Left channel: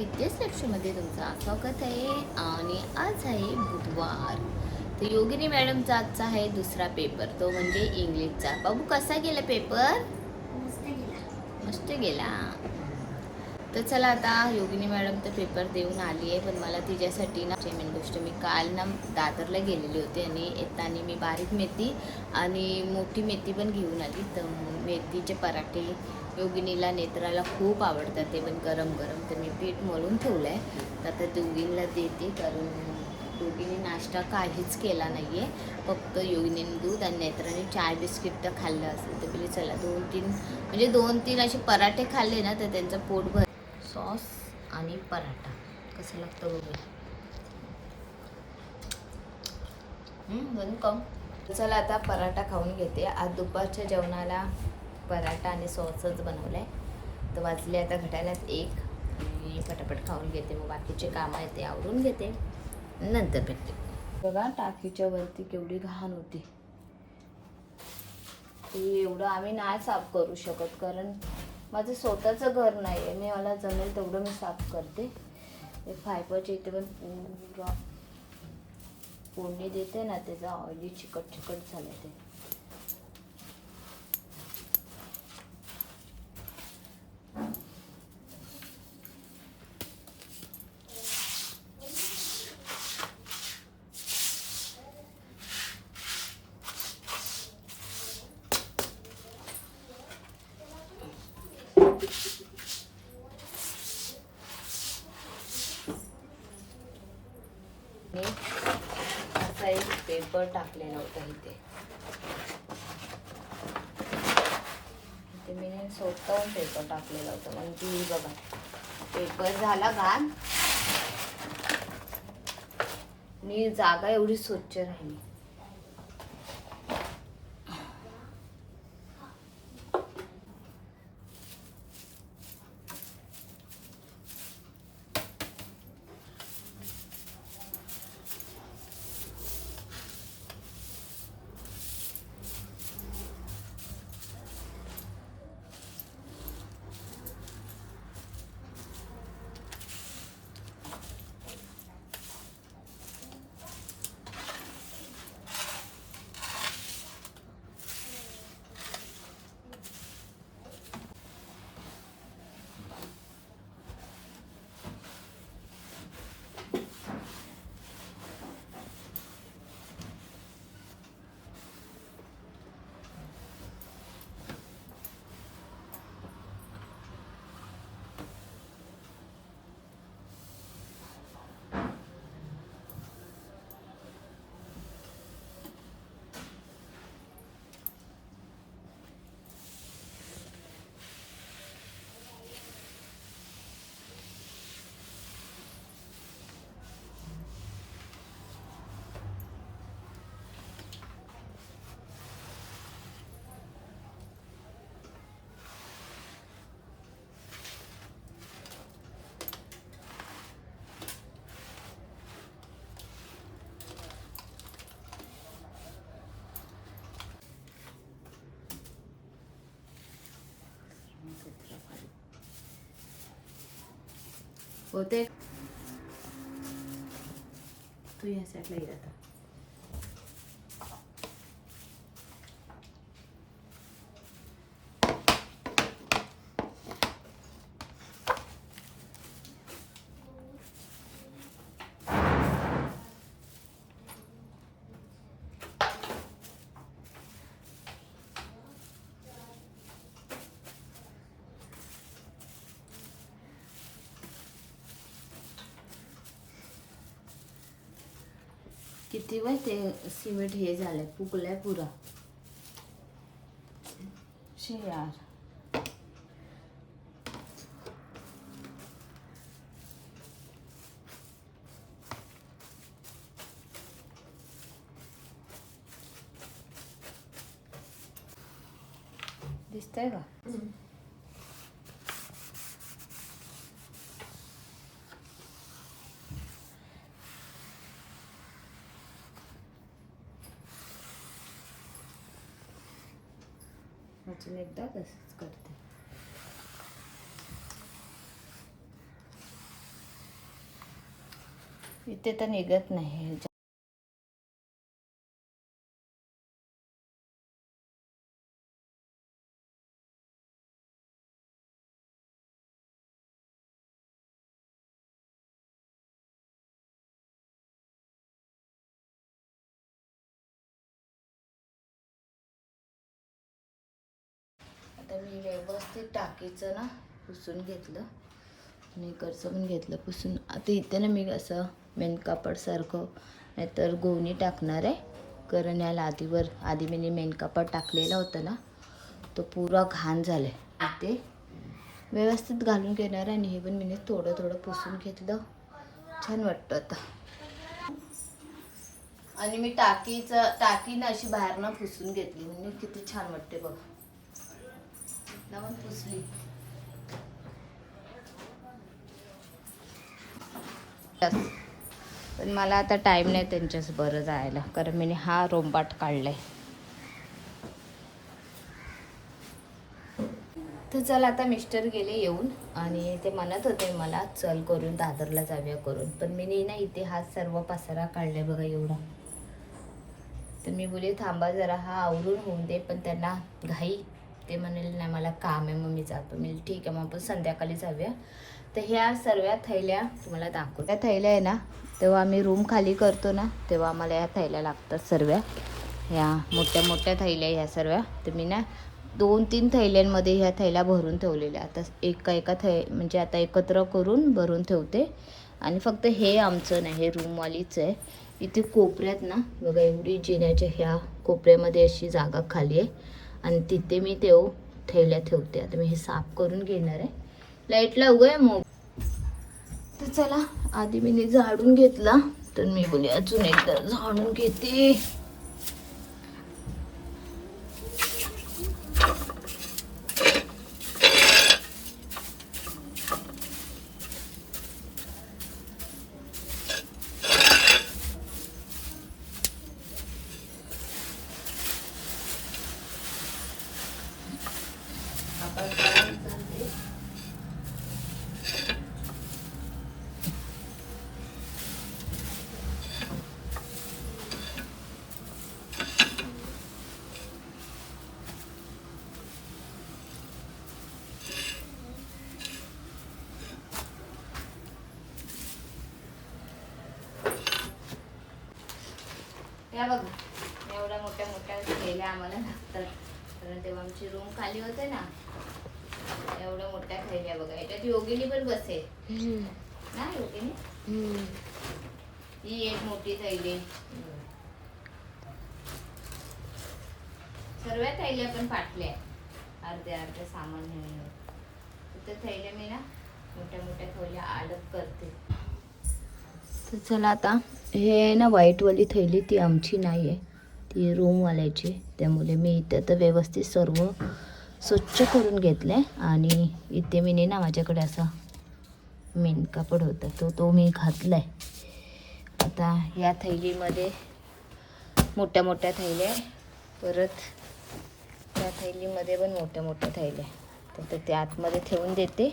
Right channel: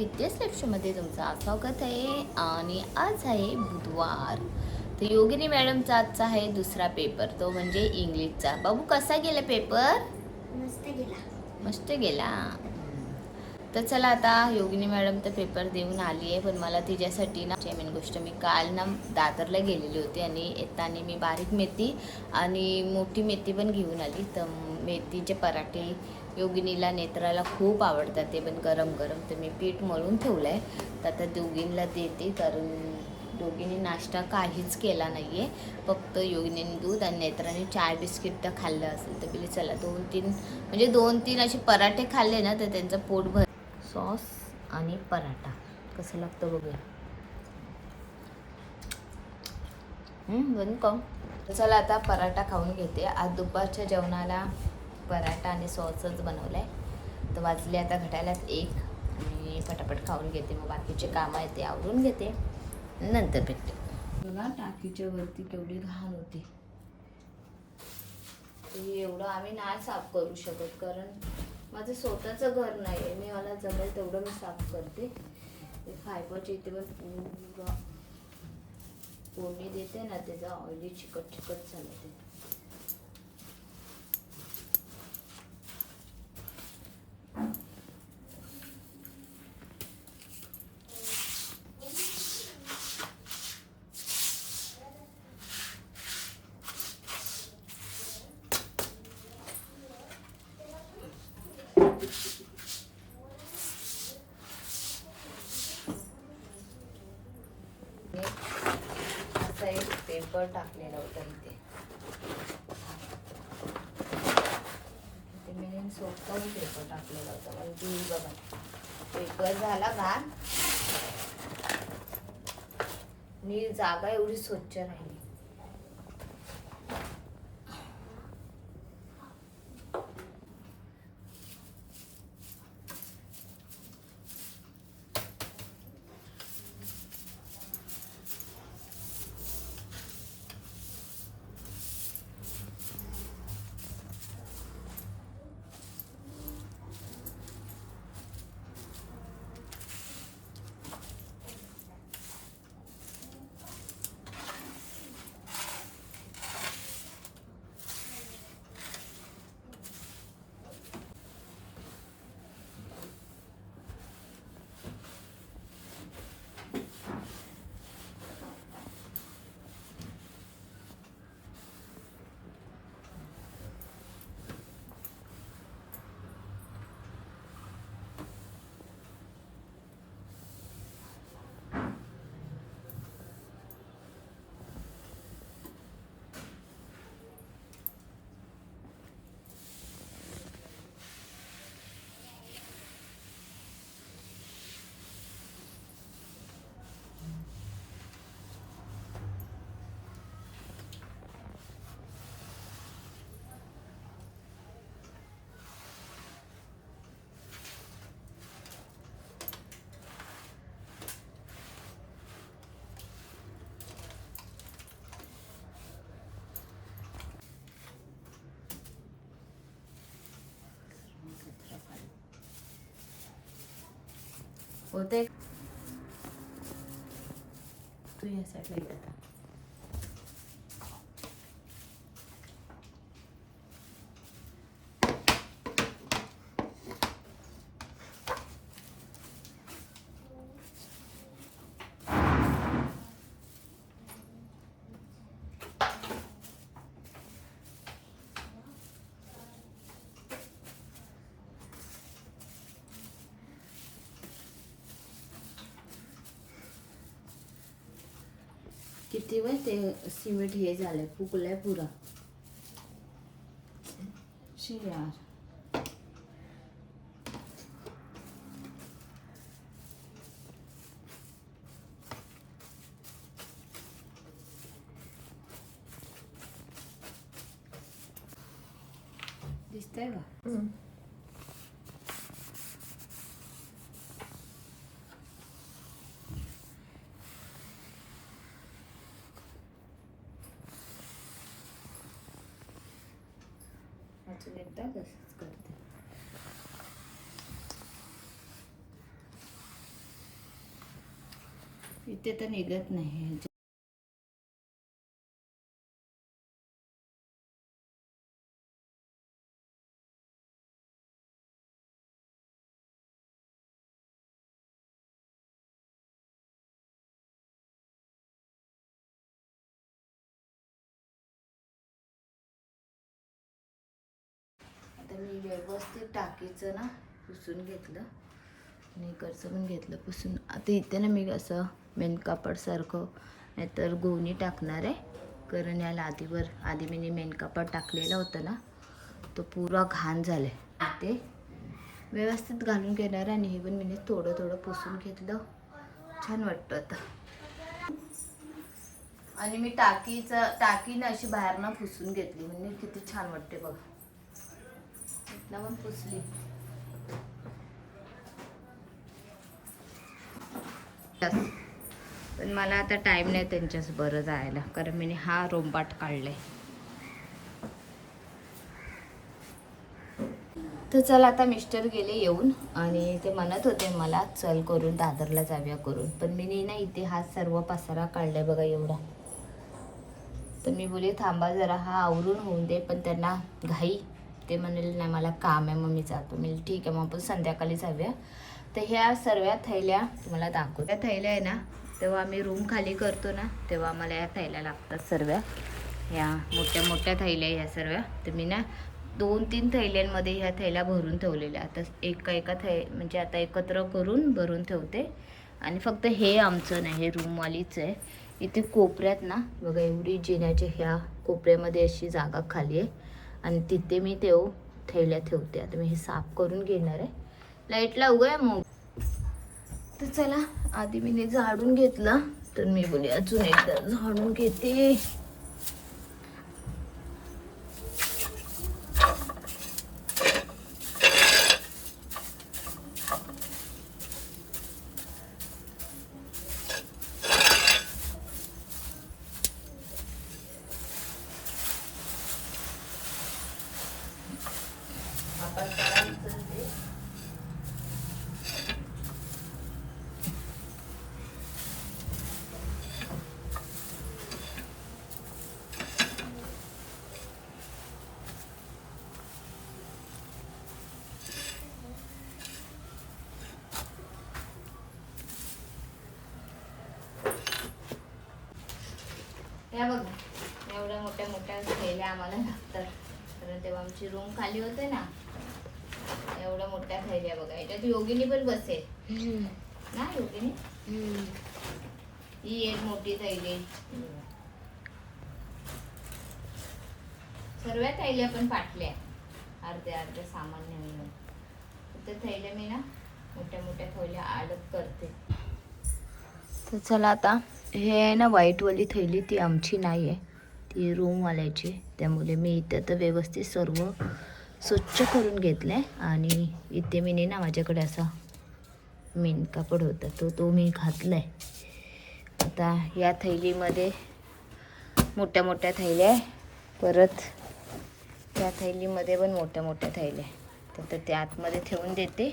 विद्यास लक्ष्यमध्ये तुमचं स्वागत आहे आणि आज आहे बुधवार. तर योगिनी मॅडमचा आजचा आहे दुसरा पेपर. तो म्हणजे इंग्लिशचा. बाबू कसा गेला पेपर? मस्त गेला. मस्त गेला. तर चला आता योगिनी मॅडम तर पेपर देऊन आली आहे पण मला तिच्यासाठी ना मेन गोष्ट मी काल ना दादरला गेलेली होती आणि येताना मी बारीक मेथी आणि मोठी मेथी पण घेऊन आली. तर मेथीचे पराठे योगिनीला नेत्राला खूप आवडतात ते पण गरम गरम. तर मी पीठ मळून ठेवलं आहे तर आता दोघींना देते कारण दोघींनी नाश्ता काहीच केला नाही आहे फक्त योगिनीने दूध आणि नेत्राने चाय बिस्किट तर खाल्लं असेल तर बिली चला दोन तीन म्हणजे दोन तीन असे पराठे खाल्ले ना तर त्यांचं पोट भर सॉस आणि पराठा. कसं लागतं बघूया. हम्म, बघू चला आता पराठा खाऊन घेते. आज दुपारच्या जेवणाला पराठा आणि सॉसच बनवलं आहे तर वाजले आता घटायलाच एक आणि पटापट खाऊन घेते. मग बाकीचे कामं आहेत ते आवरून घेते. नंतर भेटते. बघा टाकीच्या वरती केवढी घाण होती. ते एवढं आम्ही नाही साफ करू शकत कारण माझं स्वतःचं घर नाही आहे मी मला जमेल तेवढं मी साफ करते. ते फायबरचे इथे पण पूर्ण कोणी देते ना त्याचा ऑइली चिकट चिकट झालं ते मी असा एक टाकलेलं होतं इथे इथे मी स्वतःहून पेपर टाकलेला होता. म्हणजे बघा. पेपर झाला घाण. मी जागा एवढी स्वच्छ राहिली. होते तू या साईडला किती वेळ ते सिमेंट हे झालंय फुगलंय पुरा शी यार दिसतंय का एकदा तसंच करते. इथे तर निघत नाही. आता मी व्यवस्थित टाकीचं ना पुसून घेतलं. आणि इकडचं पण घेतलं पुसून. आता इथे ना मी असं मेन कापडसारखं नाहीतर गोवणी टाकणार आहे. कारण या लादीवर आधी मी मेन कापड टाकलेला होता ना तो पुरा घाण झाला आहे ते व्यवस्थित घालून घेणार आहे आणि हे पण मी थोडं थोडं पुसून घेतलं. छान वाटतं आता. आणि मी टाकीचं टाकीनं अशी बाहेरनं पुसून घेतली. म्हणजे किती छान वाटते बघा. इथनं पण पुसली पण मला आता टाईम नाही त्यांच्याच बरं जायला कारण मी हा रोंबाट काढलाय. तर चल आता मिस्टर गेले येऊन आणि ते म्हणत होते मला चल करून दादरला जाऊया करून. पण मी नाही ना इथे हा सर्व पसारा काढलाय बघा एवढा. तर मी बोले थांबा जरा हा आवरून होऊन दे पण त्यांना घाई ते म्हणेल नाही मला काम आहे मग मी जातो. मी ठीक आहे मग आपण संध्याकाळी जाऊया. तर ह्या सर्व थैल्या तुम्हाला दाखवू त्या थैल्या आहे ना तेव्हा आम्ही रूम खाली करतो ना तेव्हा आम्हाला या थैल्या लागतात सर्व ह्या मोठ्या मोठ्या थैल्या ह्या सर्व तर मी ना दोन तीन थैल्यांमध्ये ह्या थैल्या भरून ठेवलेल्या. आता एका एका थै म्हणजे आता एकत्र करून भरून ठेवते. आणि फक्त हे आमचं नाही हे रूमवालीच आहे. इथे कोपऱ्यात ना बघा एवढी जिन्याच्या ह्या कोपऱ्यामध्ये अशी जागा खाली आहे. आणि तिथे मी तेव थैल्या ठेवते. आता मी हे साफ करून घेणार आहे. लाइट लावू आहे मग. तर चला आधी मी झाडून घेतला. तर मी बोले अजून एकदा झाडून घेते. या बघा. एवढ्या मोठ्या मोठ्या थैल्या आम्हाला लागतात. कारण तेव्हा आमची रूम खाली होते ना एवढ्या मोठ्या थैल्या बघा. याच्यात योगिनी पण बसेल. ना योगिनी? ही एक मोठी थैली. सर्व थैल्या पण फाटल्या. अर्ध्या अर्ध्या सामान नेऊन तर थैल्या मी ना मोठ्या मोठ्या थैल्या अलग करते. तर चला आता. हे आहे ना व्हाईटवाली थैली ती आमची नाही आहे ती रूमवाल्याची त्यामुळे मी इथं तर व्यवस्थित सर्व स्वच्छ करून घेतलं आहे आणि इथे मी ना माझ्याकडे असा मेन कापड होता तो तो मी घातला आहे आता या थैलीमध्ये मोठ्या मोठ्या थैल्या आहे. परत या थैलीमध्ये पण मोठ्या मोठ्या थैल्या आहे. तर ते आतमध्ये ठेवून देते.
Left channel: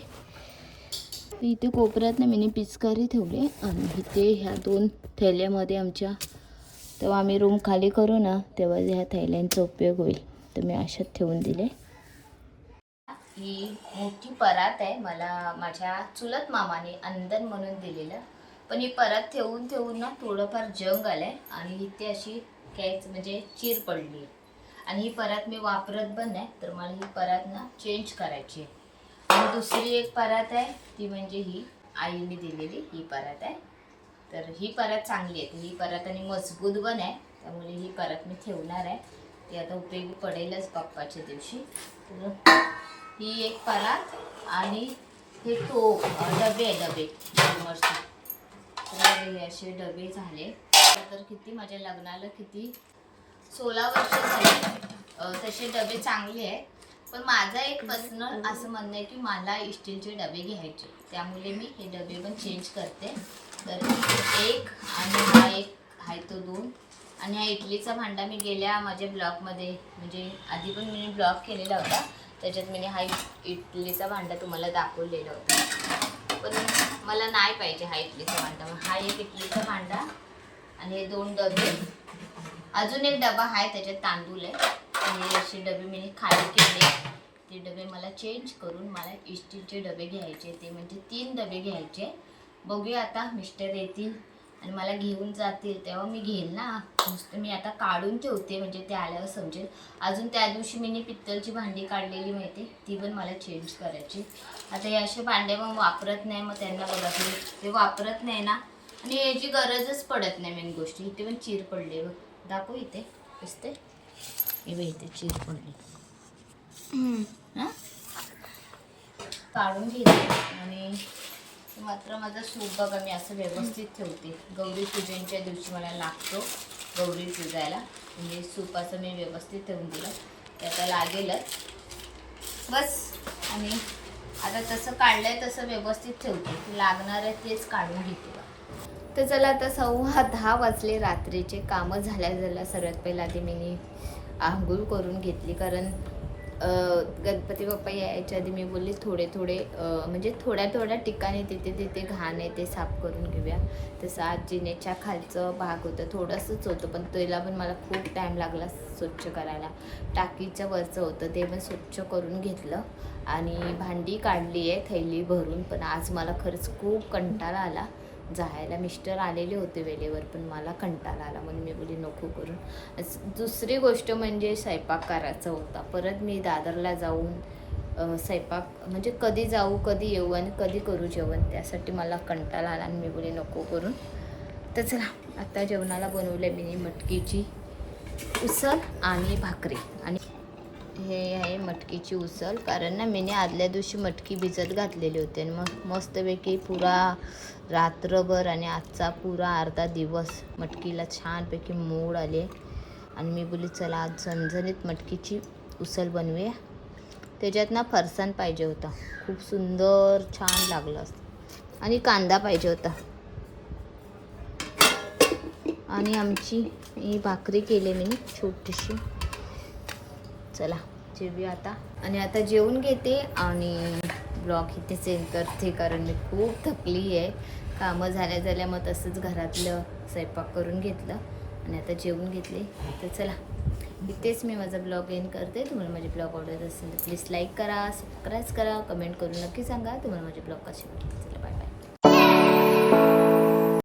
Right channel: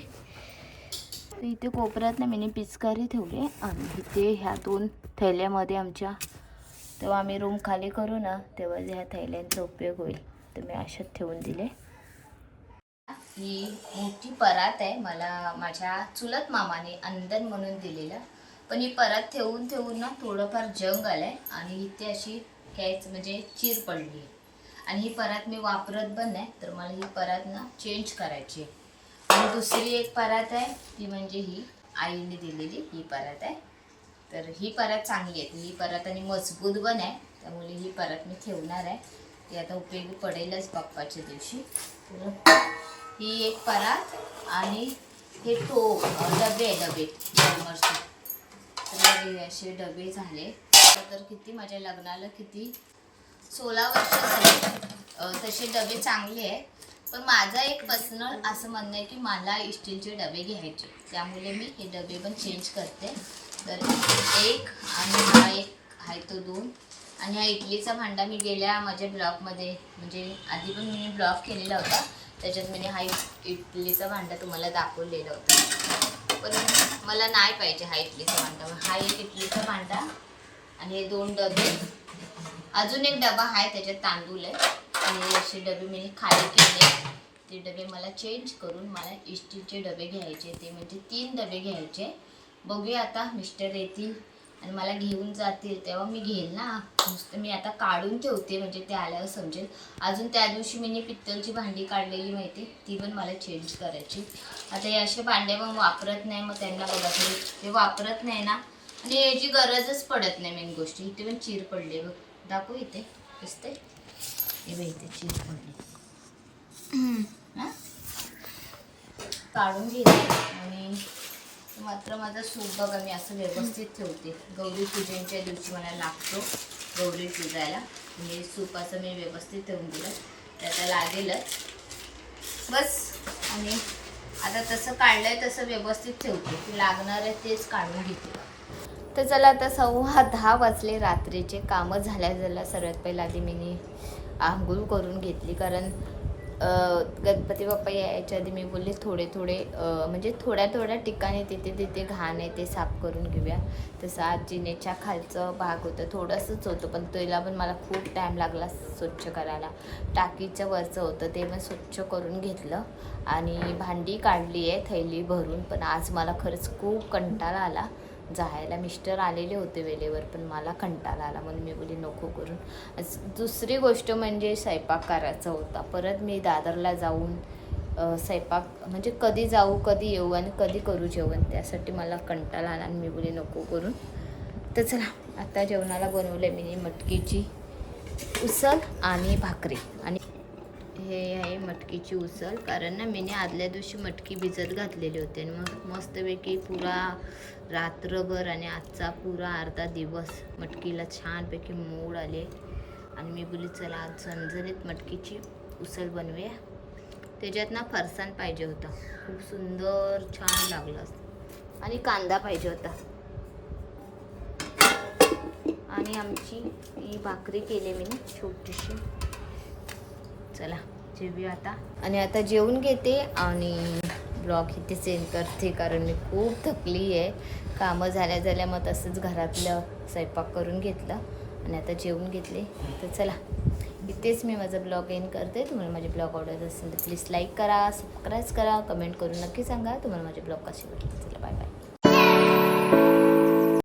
इथे कोपऱ्यात ना मी पिचकारी ठेवली. आणि इथे ह्या दोन थैल्यामध्ये आमच्या तेव्हा आम्ही रूम खाली करू ना तेव्हा ह्या थैल्यांचा उपयोग होईल. तर मी अशात ठेवून दिले. ही मोठी परात आहे मला माझ्या चुलत मामाने अंदन म्हणून दिलेलं. पण ही परात ठेवून ठेवून ना थोडंफार जंग आलंय आणि इथे अशी कॅच म्हणजे चीर पडली. आणि ही परात मी वापरत पण नाही तर मला ही परात ना चेंज करायची आहे. आणि दुसरी एक परात आहे ती म्हणजे ही आईने दिलेली ही परात आहे. तर ही परात चांगली आहे. ही परात आणि मजबूत पण आहे. त्यामुळे ही परात मी ठेवणार आहे. ती आता उपयोगी पडेलच पप्पाच्या दिवशी. तर ही एक परात आणि हे टोप डबे आहे डबे. डॉमरचे तर हे असे डबे झाले. तर किती माझ्या लग्नाला किती सोळा वर्ष झाले. तसे डबे चांगले आहे पण माझा एक पर्सनल असं म्हणणं आहे की मला स्टीलचे डबे घ्यायचे. त्यामुळे मी हे डबे पण चेंज करते. तर एक आणि हा एक आहे तो दोन. आणि हा इडलीचा भांडा मी गेल्या माझ्या ब्लॉगमध्ये म्हणजे आधी पण मी ब्लॉग केलेला होता. त्याच्यात मी हा इडलीचा भांडा तुम्हाला दाखवलेला होता. पण मला नाही पाहिजे हा इडलीचा भांडा. हा एक इडलीचा भांडा आणि हे दोन डबे. अजून एक डबा आहे त्याच्यात तांदूळ आहे. आणि असे डबे मी खाली केले. ते डबे मला चेंज करून मला इस्टीलचे डबे घ्यायचे. ते म्हणजे तीन डबे घ्यायचे. बघूया आता मिस्टर येतील आणि मला घेऊन जातील. तेव्हा मी घेईल ना. नुसतं मी आता काढून ठेवते म्हणजे ते आल्यावर समजेल. अजून त्या दिवशी मी पित्तलची भांडी काढलेली माहिती ती पण मला चेंज करायची. आता हे असे भांडे मग वापरत नाही मग त्यांना बघा तुम्ही. ते वापरत नाही ना. आणि याची गरजच पडत नाही मेन गोष्टी. इथे पण चीर पडली बघ. दाखव इथे. दिसते हे बघ इथे चीर पडली हां? काढून घेते आणि मात्र माझा सूप बघा मी असं व्यवस्थित ठेवते. गौरी पूजनच्या दिवशी मला लागतो गौरी पूजायला. आणि सूप असं मी व्यवस्थित ठेवून दिलं. त्याचा लागेलच. बस. आणि आता तसं काढलंय तसं व्यवस्थित ठेवते. की लागणार आहे तेच काढून घेते तर चला आता सव्वा दहा वाजले रात्रीचे कामं झाल्या झाल्या सर्वात पहिला आधी मी आंघोळ करून घेतली. कारण गणपती बाप्पा यायच्या आधी मी बोलले थोडे थोडे म्हणजे थोड्या थोड्या ठिकाणी तिथे तिथे घाण आहे ते साफ करून घेऊया. तसं आज जिनेच्या खालचं भाग होतं थोडंसंच होतं पण त्याला पण मला खूप टाईम लागला स्वच्छ करायला. टाकीचं वरचं होतं ते पण स्वच्छ करून घेतलं आणि भांडी काढली आहे थैली भरून. पण आज मला खरंच खूप कंटाळा आला. जायला. मिस्टर आलेले होते वेळेवर पण मला कंटाळा आला. म्हणून मी बोली नको करून दुसरी गोष्ट म्हणजे स्वयंपाक करायचा होता. परत मी दादरला जाऊन स्वयंपाक म्हणजे कधी जाऊ कधी येऊ आणि कधी करू जेवण त्यासाठी मला कंटाळा आला आणि मी बोली नको करून तर चला आता जेवणाला बनवलं मी मटकीची उसळ आणि भाकरी आणि हे आहे मटकीची उसळ. कारण ना मी आदल्या दिवशी मटकी भिजत घातलेली होती. आणि मग मस्तपैकी पुरा रात्रभर आणि आजचा पुरा अर्धा दिवस मटकीला छानपैकी मोड आले. आणि मी बोली चला आज झणझणीत मटकीची उसळ बनवूया. त्याच्यात ना फरसाण पाहिजे होता. खूप सुंदर छान लागलं असतं. आणि कांदा पाहिजे होता. आणि आमची ही भाकरी केली मी छोटीशी. चला जेवूया आता. आणि आता जेवून घेते आणि ब्लॉग इथे सेंड करते कारण मी खूप थकली आहे. कामं झाल्या झाल्या मग तसंच घरातलं स्वयंपाक करून घेतलं आणि आता जेवून घेतले. तर चला इथेच मी माझा ब्लॉग एंड करते. तुम्हाला माझे ब्लॉग आवडत असेल तर प्लीज लाईक करा सबस्क्राईब करा कमेंट करून नक्की सांगा. तुम्हाला माझे ब्लॉग कसे वाटले चला बाय बाय